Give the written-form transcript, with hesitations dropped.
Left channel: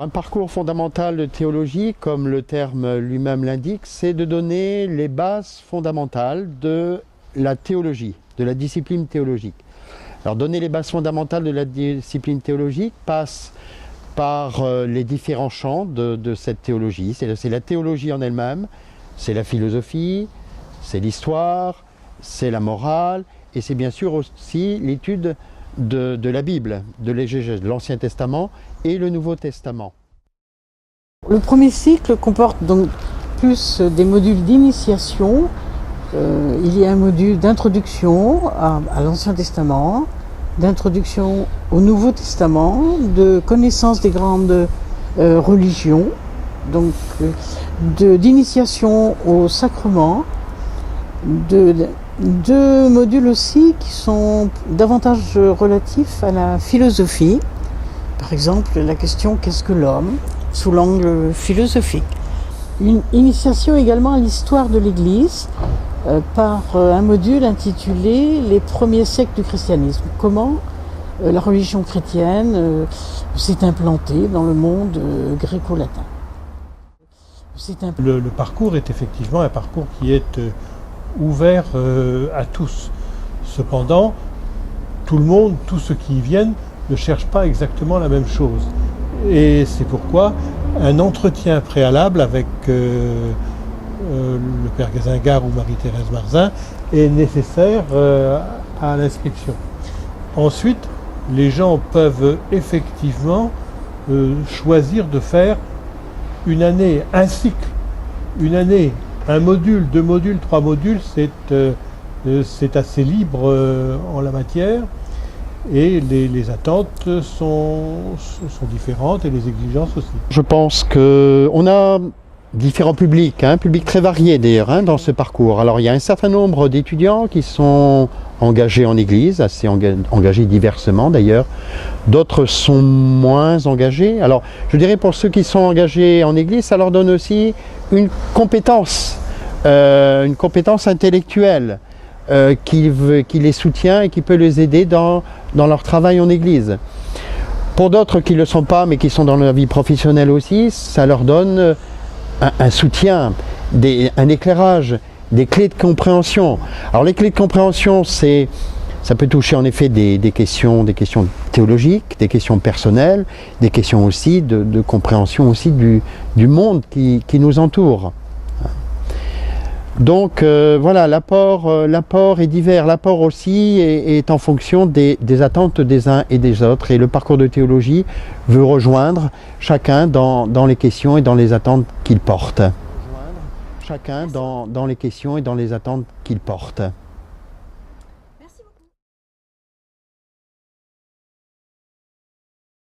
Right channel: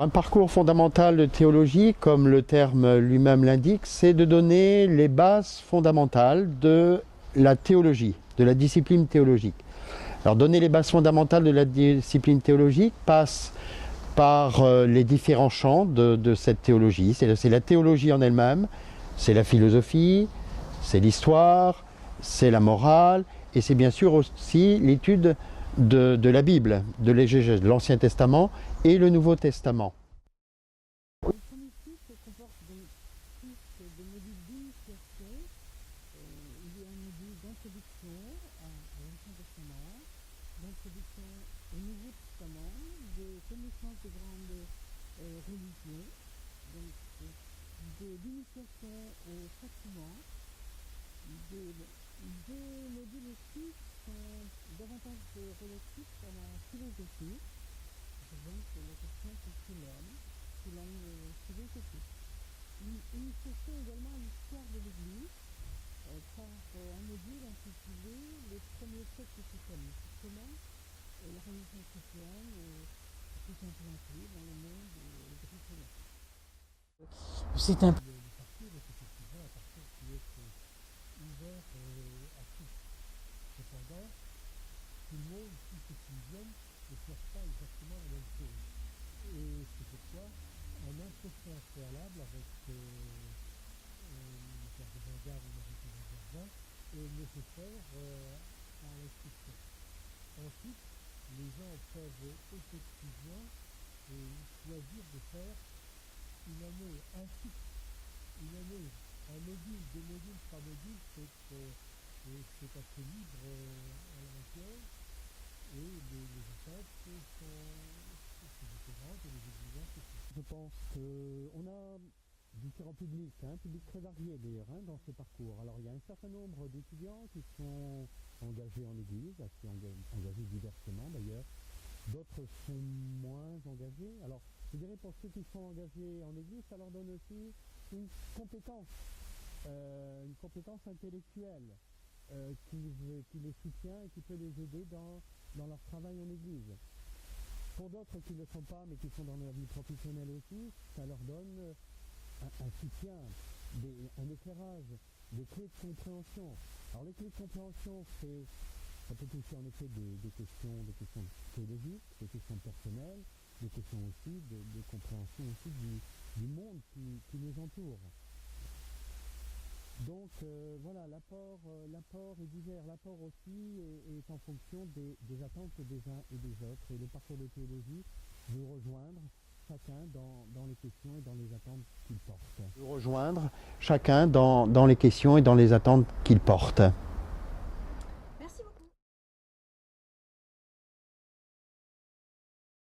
Un parcours fondamental de théologie, comme le terme lui-même l'indique, c'est de donner les bases fondamentales de la théologie, de la discipline théologique. Alors donner les bases fondamentales de la discipline théologique passe par les différents champs de cette théologie. C'est la théologie en elle-même, c'est la philosophie, c'est l'histoire, c'est la morale, et c'est bien sûr aussi l'étude de la Bible, de l'exégèse, de l'Ancien Testament et le Nouveau Testament. Le premier cycle comporte donc plus des modules d'initiation. Il y a un module d'introduction à l'Ancien Testament, d'introduction au Nouveau Testament, de connaissance des grandes religions, donc d'initiation au sacrement, deux modules aussi qui sont davantage relatifs à la philosophie. Par exemple, la question « Qu'est-ce que l'homme ?» sous l'angle philosophique. Une initiation également à l'histoire de l'Église par un module intitulé « Les premiers siècles du christianisme ». Comment la religion chrétienne s'est implantée dans le monde gréco-latin. Le parcours est effectivement un parcours qui est ouvert à tous. Cependant, tout le monde, tous ceux qui y viennent, ne cherchent pas exactement la même chose. Et c'est pourquoi un entretien préalable avec le Père Gazingard ou Marie-Thérèse Marzin est nécessaire à l'inscription. Ensuite, les gens peuvent effectivement choisir de faire une année, un cycle, une année, un module, 2 modules, 3 modules, c'est assez libre en la matière. Et les attentes sont différentes et les exigences aussi. Je pense qu'on a différents publics, publics très variés d'ailleurs dans ce parcours. Alors il y a un certain nombre d'étudiants qui sont engagés en Église, assez engagés diversement d'ailleurs. D'autres sont moins engagés. Alors je dirais pour ceux qui sont engagés en Église, ça leur donne aussi une compétence intellectuelle qui les soutient et qui peut les aider dans leur travail en Église. Pour d'autres qui ne le sont pas, mais qui sont dans leur vie professionnelle aussi, ça leur donne un soutien, un éclairage, des clés de compréhension. Alors les clés de compréhension, ça peut toucher en effet des questions théologiques, des questions personnelles, des questions aussi de compréhension aussi du monde qui nous entoure. Donc voilà, l'apport est divers. L'apport aussi est en fonction des attentes des uns et des autres. Et le parcours de théologie veut rejoindre chacun dans les questions et dans les attentes qu'il porte. Rejoindre chacun dans les questions et dans les attentes qu'il porte.